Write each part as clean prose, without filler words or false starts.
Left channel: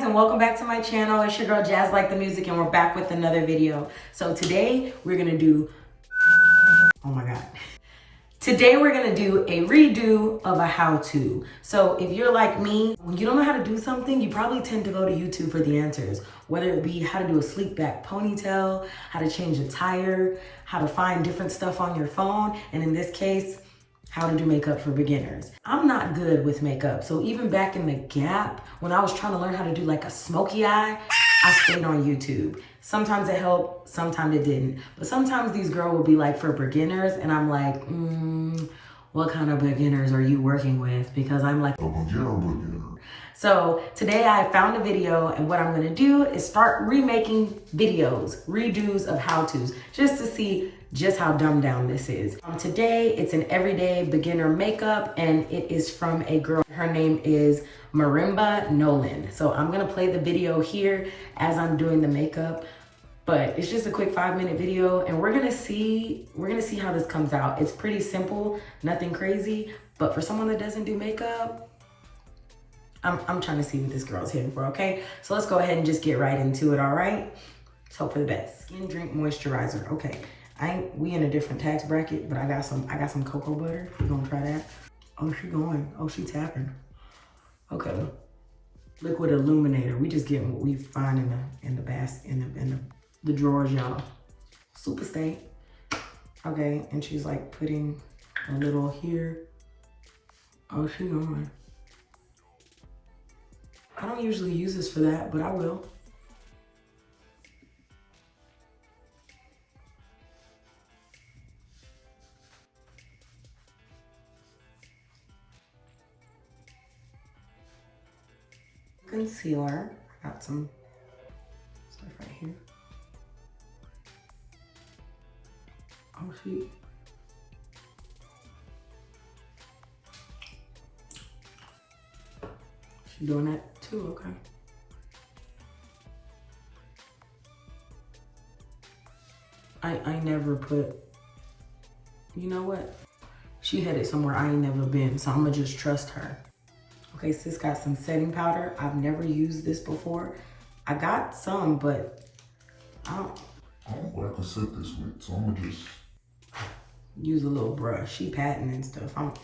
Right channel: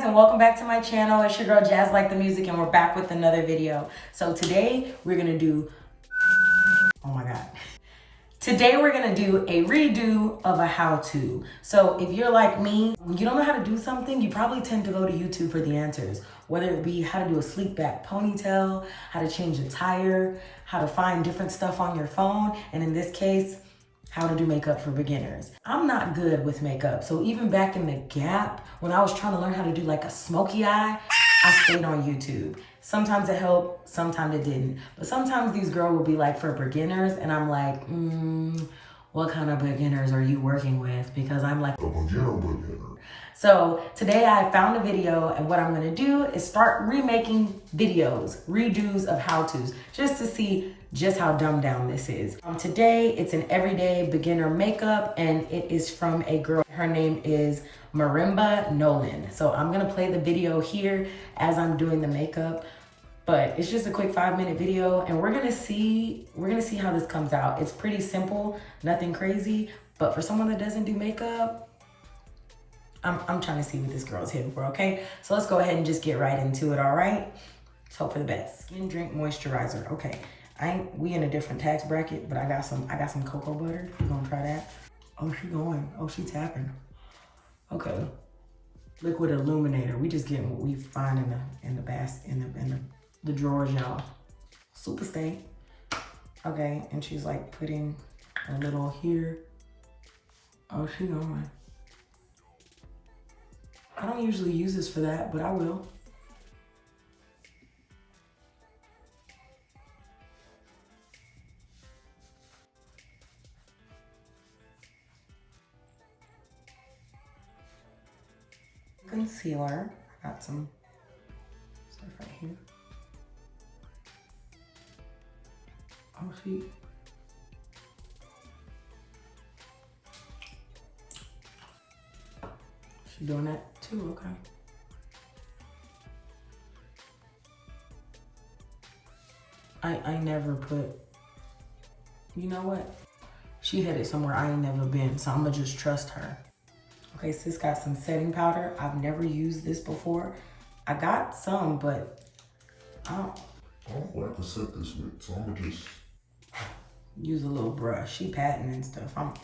guys, and welcome back to my channel. It's your girl JAZ.like.the.music, and we're back with another video. So today we're gonna do, oh my God. Today we're gonna do a redo of a how-to. So if you're like me, when you don't know how to do something, you probably tend to go to YouTube for the answers. Whether it be how to do a sleek back ponytail, how to change a tire, how to find different stuff on your phone, and in this case, how to do makeup for beginners. I'm not good with makeup, so even back in the gap, when I was trying to learn how to do like a smoky eye, I stayed on YouTube. Sometimes it helped, sometimes it didn't. But sometimes these girls will be like for beginners, and I'm like, what kind of beginners are you working with? Because I'm like a beginner. So today I found a video, and what I'm gonna do is start remaking videos, redos of how-tos, just to see just how dumbed down this is. Today, it's an everyday beginner makeup, and it is from a girl. Her name is Marimba Nolan. So I'm gonna play the video here as I'm doing the makeup, but it's just a quick 5-minute video, and we're gonna see how this comes out. It's pretty simple, nothing crazy, but for someone that doesn't do makeup, I'm trying to see what this girl's hitting for, okay? So let's go ahead and just get right into it, all right? Let's hope for the best. Skin Drink Moisturizer, okay. We in a different tax bracket, but I got some cocoa butter. We gonna try that. Oh, she going. Oh, she tapping. Okay. Liquid illuminator. We just getting what we find in the drawers, y'all. Super stay. Okay, and she's like putting a little here. Oh, she going. I don't usually use this for that, but I will. Concealer. I got some stuff right here. Oh, she doing that too, okay. I never put, you know what? She headed somewhere I ain't never been, so I'm gonna just trust her. Okay, sis got some setting powder. I've never used this before. I got some, but I don't like to set this with, so I'm gonna just use a little brush. She patting and stuff. I'll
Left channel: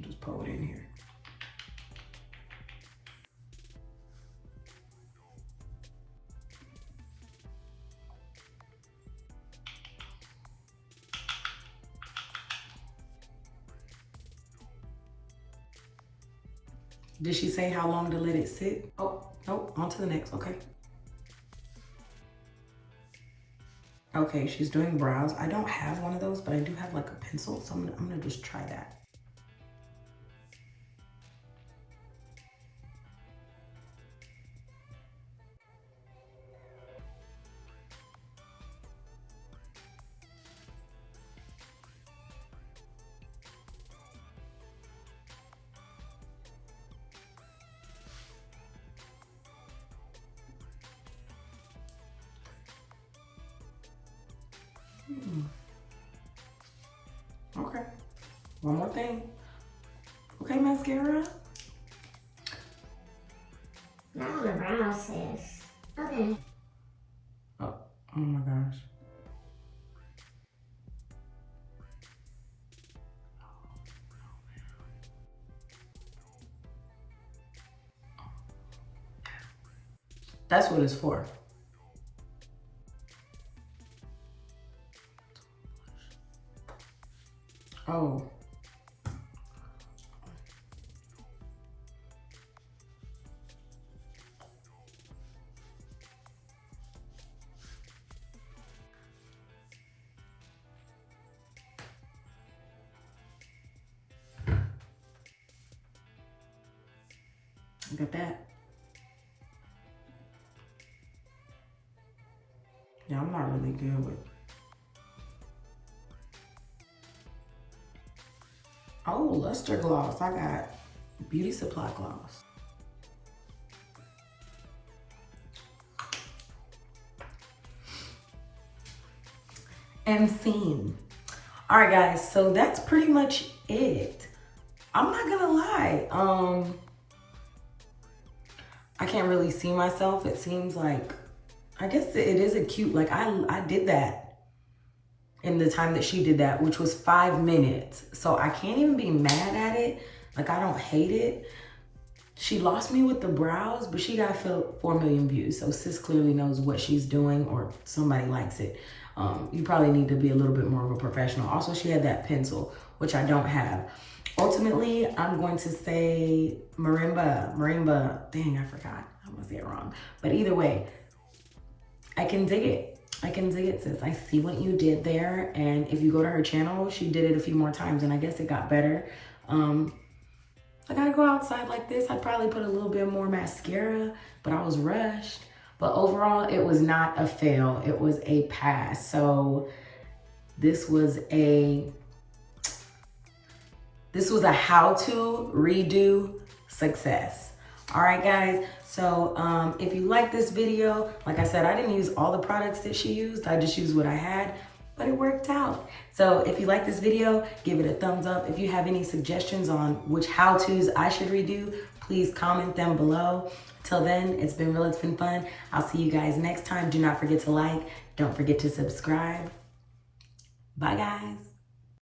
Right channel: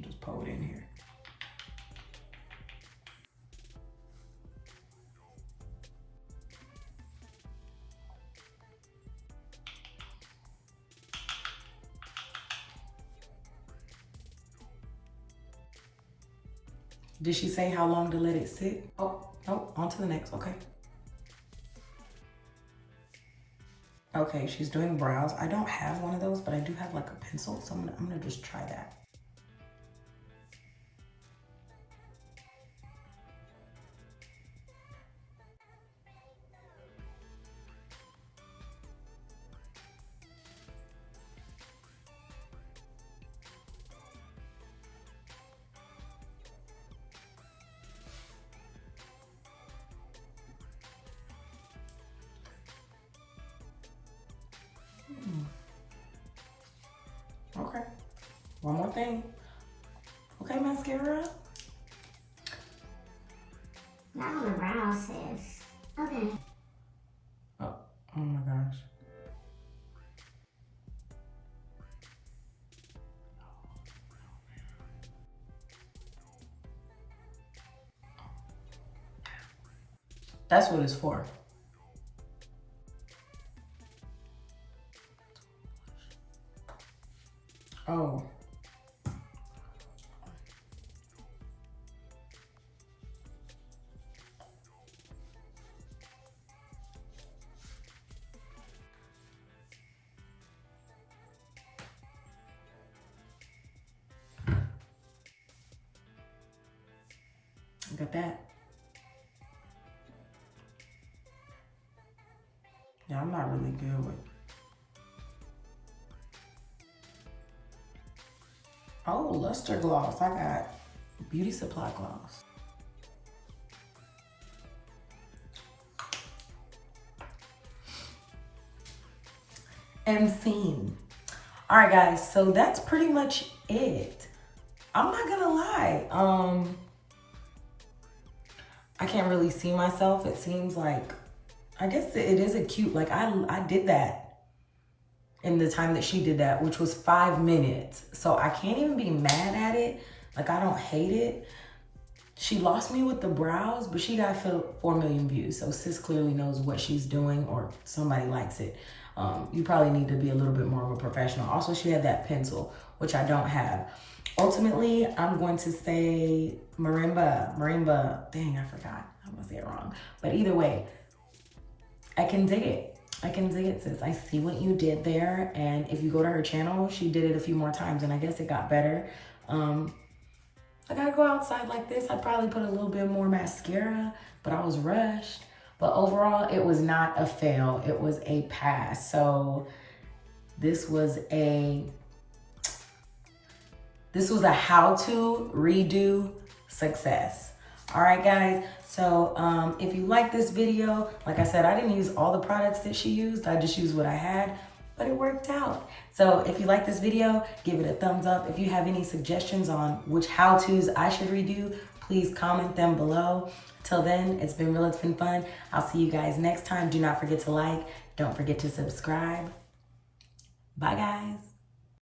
just pour it in here. Did she say how long to let it sit? Oh, nope, on to the next, okay. Okay, she's doing brows. I don't have one of those, but I do have like a pencil, so I'm gonna just try that. Okay, one more thing. Okay, mascara. Not on the brows, sis. Okay. Oh my gosh. That's what it's for. Oh. I got that. Yeah, I'm not really good with. Oh, luster gloss. I got beauty supply gloss. And scene. All right, guys, so that's pretty much it. I'm not gonna lie. I can't really see myself. It seems like, I guess it is a cute, like I did that in the time that she did that, which was 5 minutes. So I can't even be mad at it. Like, I don't hate it. She lost me with the brows, but she got 4 million views. So sis clearly knows what she's doing, or somebody likes it. You probably need to be a little bit more of a professional. Also, she had that pencil, which I don't have. Ultimately, I'm going to say Marimba. Dang, I forgot. I'm gonna say it wrong. But either way, I can dig it. I can dig it, sis. I see what you did there. And if you go to her channel, she did it a few more times and I guess it got better. I gotta go outside like this. I'd probably put a little bit more mascara, but I was rushed. But overall, it was not a fail. It was a pass. So this was a how-to redo success. All right, guys. So if you like this video, like I said, I didn't use all the products that she used. I just used what I had, but it worked out. So if you like this video, give it a thumbs up. If you have any suggestions on which how-tos I should redo, please comment them below. Till then, it's been real, it's been fun. I'll see you guys next time. Do not forget to like, don't forget to subscribe. Bye, guys.